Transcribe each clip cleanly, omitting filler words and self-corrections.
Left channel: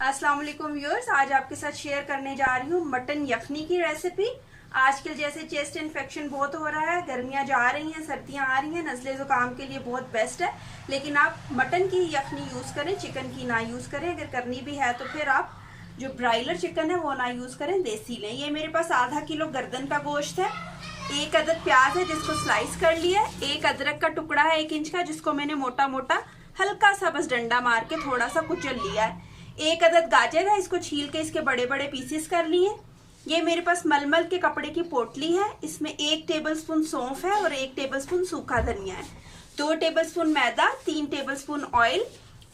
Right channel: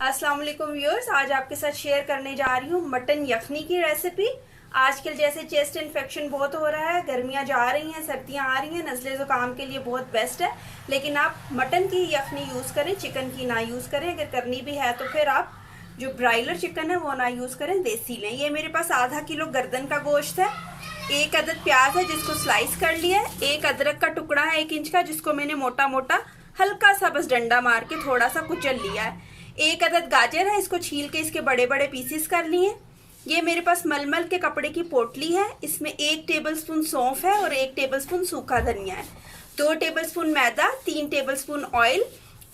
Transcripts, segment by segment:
अस्सलाम वालेकुम व्यूअर्स, आज आपके साथ शेयर करने जा रही हूँ मटन यखनी की रेसिपी। आजकल जैसे चेस्ट इन्फेक्शन बहुत हो रहा है, गर्मियाँ जा रही हैं, सर्दियाँ आ रही हैं, नज़ले ज़ुकाम के लिए बहुत बेस्ट है। लेकिन आप मटन की यखनी यूज़ करें, चिकन की ना यूज़ करें। अगर करनी भी है तो फिर आप जो ब्रायलर चिकन है वो ना यूज़ करें, देसी लें। ये मेरे पास आधा किलो गर्दन का गोश्त है, 1 अदद प्याज है जिसको स्लाइस कर लिया है, 1 अदरक का टुकड़ा है 1 इंच का जिसको मैंने मोटा मोटा हल्का सा बस डंडा मार के थोड़ा सा कुचल लिया है, 1 अदद गाजर है, इसको छील के इसके बड़े बड़े पीसेस कर लिए। ये मेरे पास मलमल के कपड़े की पोटली है, इसमें 1 टेबलस्पून सौंफ है और 1 टेबलस्पून सूखा धनिया है, 2 टेबलस्पून मैदा, 3 टेबलस्पून ऑयल,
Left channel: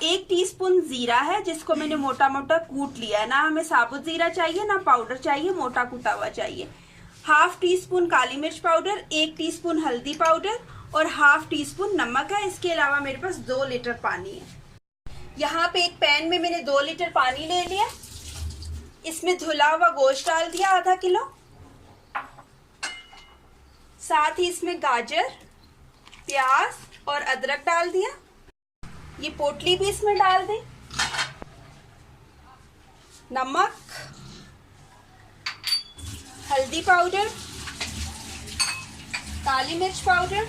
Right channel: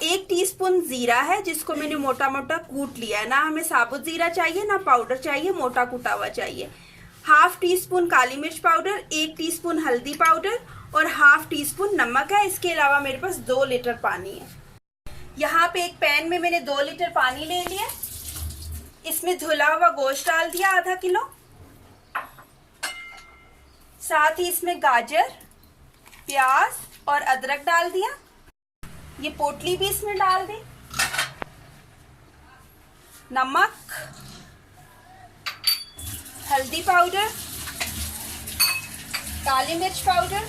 1 टीस्पून जीरा है जिसको मैंने मोटा मोटा कूट लिया है। ना हमें साबुत जीरा चाहिए ना पाउडर चाहिए, मोटा कूटा हुआ चाहिए। हाफ टी स्पून काली मिर्च पाउडर, 1 टीस्पून हल्दी पाउडर और हाफ टी स्पून नमक है। इसके अलावा मेरे पास 2 लीटर पानी है। यहाँ पे एक पैन में मैंने 2 लीटर पानी ले लिया, इसमें धुला हुआ गोश्त डाल दिया आधा किलो, साथ ही इसमें गाजर, प्याज और अदरक डाल दिया। ये पोटली भी इसमें डाल दी, नमक, हल्दी पाउडर, काली मिर्च पाउडर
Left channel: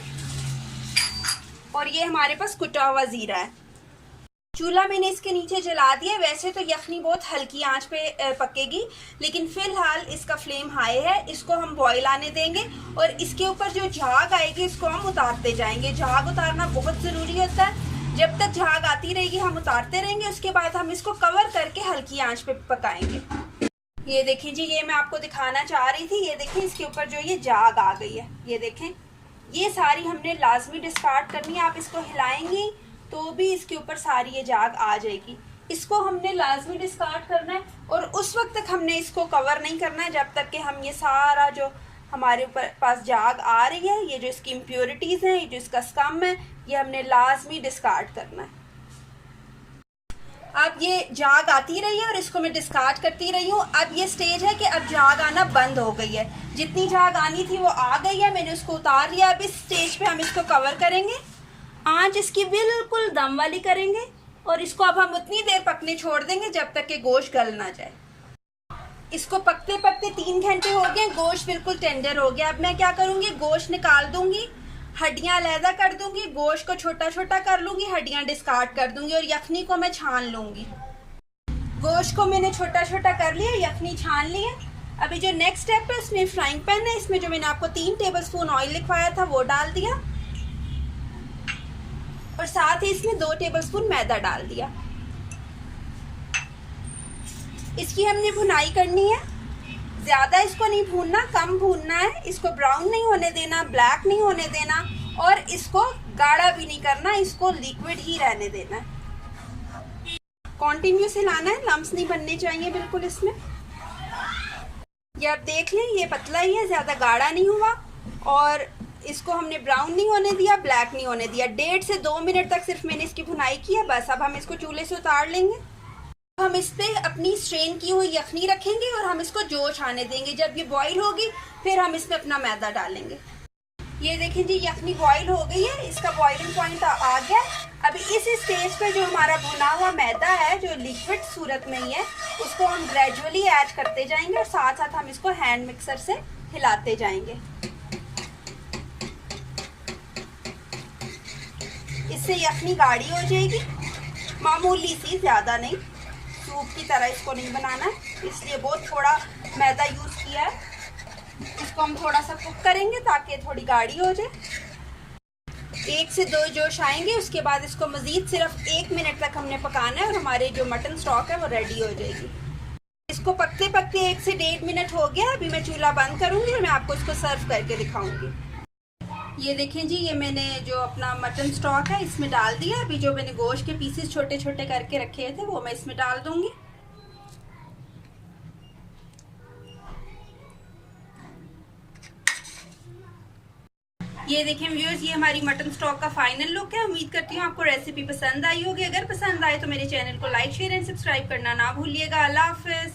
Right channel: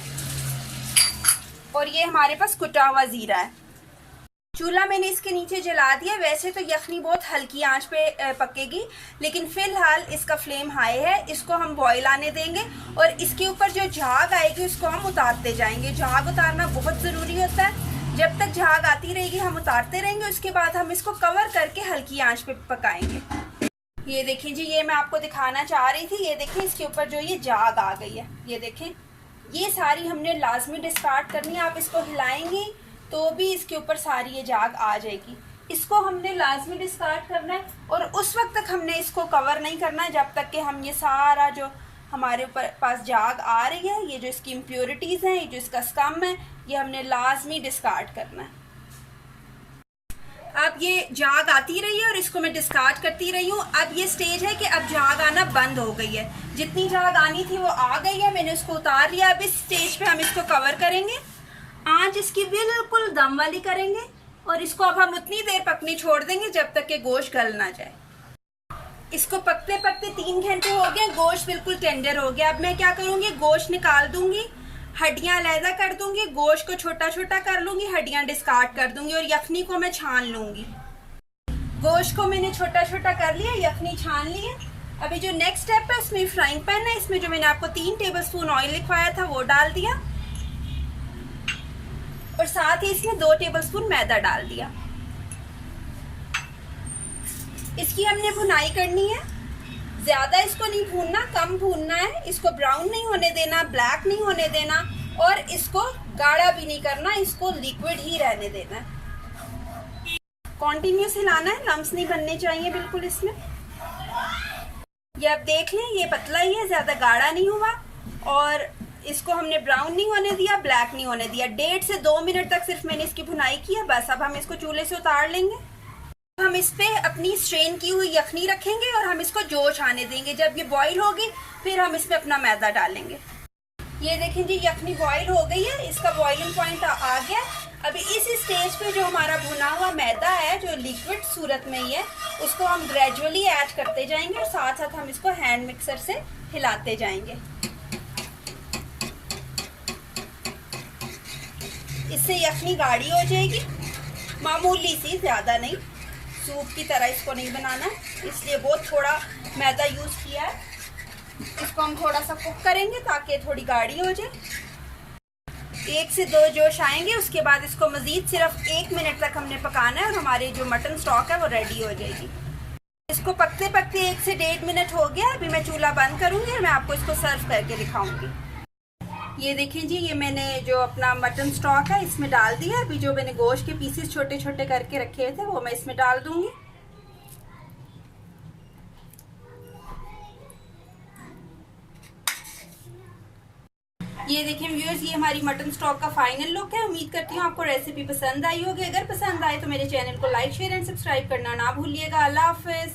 और ये हमारे पास कुटा हुआ जीरा है। चूल्हा मैंने इसके नीचे जला दिया। वैसे तो यखनी बहुत हल्की आंच पे पकेगी, लेकिन फिलहाल इसका फ्लेम हाई है, इसको हम बॉईल आने देंगे और इसके ऊपर जो झाग आएगी इसको हम उतारते जाएंगे। झाग उतारना बहुत ज़रूरी होता है, जब तक झाग आती रहेगी हम उतारते रहेंगे, उसके बाद हम इसको कवर करके हल्की आंच पे पकाएंगे। ये देखें जी, ये मैं आपको दिखाना चाह रही थी। ये देखें इसके ऊपर जो ये झाग आ गई है, ये देखें, ये सारी हमने लाजमी डिस्कार्ड करनी है। आप इसको हिलाएंगी तो भी इसके ऊपर सारी ये झाग आ जाएगी। इसको हमने लाजमी डिस्कार्ड करना है और उस वक्त तक हमने इसको कवर नहीं करना है जब तक कि हम ये सारा जो हमारे ऊपर पास झाग आ रही है, ये जो इसकी इम्प्योरिटीज हैं, ये जो इसका स्कम है, ये हमने लाजमी डिस्कार्ड करना है। अब ये झाग आती रही है और इसको मैं डिस्कार्ड करती रही हूँ। अब ये स्टेज है कि अब झाग आना बंद हो गई है, जितनी झाग आनी थी वो आ गई है, मैंने उसको उतार लिया। अब इस स्टेज पे हम इसको कवर करेंगे, आंच इसकी बिल्कुल दम वाली करेंगे और इसको अब हम उतनी देर पकने छोड़ देंगे जब तक कि गोश्त गल ना जाए। इसको पकते पकते 3 घंटे हो गए, गोश्त बिल्कुल टेंडर हो गया। अब मैं क्या करूंगी, गोश्त निकाल दूंगी, हड्डियां अलहदा कर दूंगी, गोश्त को छोटा छोटा कर लूंगी, हड्डियां डिस्कार्ड कर दूंगी और यखनी को मैं छान लूंगी। गोश्त को मैंने छोटा छोटा कर लिया, यखनी छान ली है। अभी जो नेक्स्ट स्टेप है, इसमें फ्राइंग पैन है, इसमें जो मैंने आपको 3 टेबलस्पून ऑयल लिखवाया था वो डाल दिया और साथ ही इसमें 2 टेबलस्पून मैदा डाल दिया। इसकी हमने भुनाई करनी है, ज्यादा इसको नहीं भूनना, कम भूनना है। इसको ब्राउन नहीं होने देना, ब्लैक नहीं होने देना और इसको गाढ़ा भी नहीं करना, इसको लिक्विड ही रहने देना। कॉन्टिन्यूस हिलाना है, लम्स नहीं बनने चाहिए बिल्कुल इसमें। ये आप देख लें, ये पतला ही है, ज्यादा गाढ़ा नहीं हुआ और इसको हमने ब्राउन नहीं होने दिया, ब्लैक नहीं होने दिया। 1.5 से 2 मिनट तक सिर्फ मैंने इसकी भुनाई की है, बस। अब हम इसको चूल्हे से उतार लेंगे। हम इस पे अपनी स्ट्रेन की हुई यखनी रखेंगे और हम इसको जोश आने देंगे। जब ये बॉईल होगी फिर हम इसमें अपना मैदा डालेंगे। ये देखें जी, यखनी बॉईल हो गई है, इसका बॉइलिंग पॉइंट आ गया। अभी इस स्टेज पे जो हमारा भुना हुआ मैदा है, जो लिक्विड सूरत में ही है, उसको हम ग्रेजुअली ऐड करते जाएंगे और साथ साथ हम इसको हैंड मिक्सर से हिलाते जाएंगे। इससे यखनी गाढ़ी हो जाएगी, मामूली सी, ज़्यादा नहीं, सूप की तरह इसको नहीं बनाना, इसलिए बहुत थोड़ा मैदा यूज़ किया है। इसको हम थोड़ा सा कुक करेंगे ताकि थोड़ी गाढ़ी हो जाए। 1 से 2 जोश आएंगे, उसके बाद इसको मज़ीद सिर्फ 1 मिनट तक हमने पकाना है और हमारे जो मटन स्टॉक है वो रेडी हो जाएगी। इसको पकते पकते 1 से 1.5 मिनट हो गया। अभी मैं चूल्हा बंद करूँगी और मैं आपको इसको सर्व करके दिखाऊँगी। ये देखें जी, ये मैंने जो अपना मटन स्टॉक है इसमें डाल दिया। अभी जो मैंने गोश्त के पीसेस छोटे छोटे करके रखे थे वो मैं इसमें डाल दूंगी। ये देखें व्यूअर्स, ये हमारी मटन स्टॉक का फाइनल लुक है। उम्मीद करती हूँ आपको रेसिपी पसंद आई होगी। अगर पसंद आए तो मेरे चैनल को लाइक, शेयर एंड सब्सक्राइब करना ना भूलिएगा। अल्लाह हाफिज।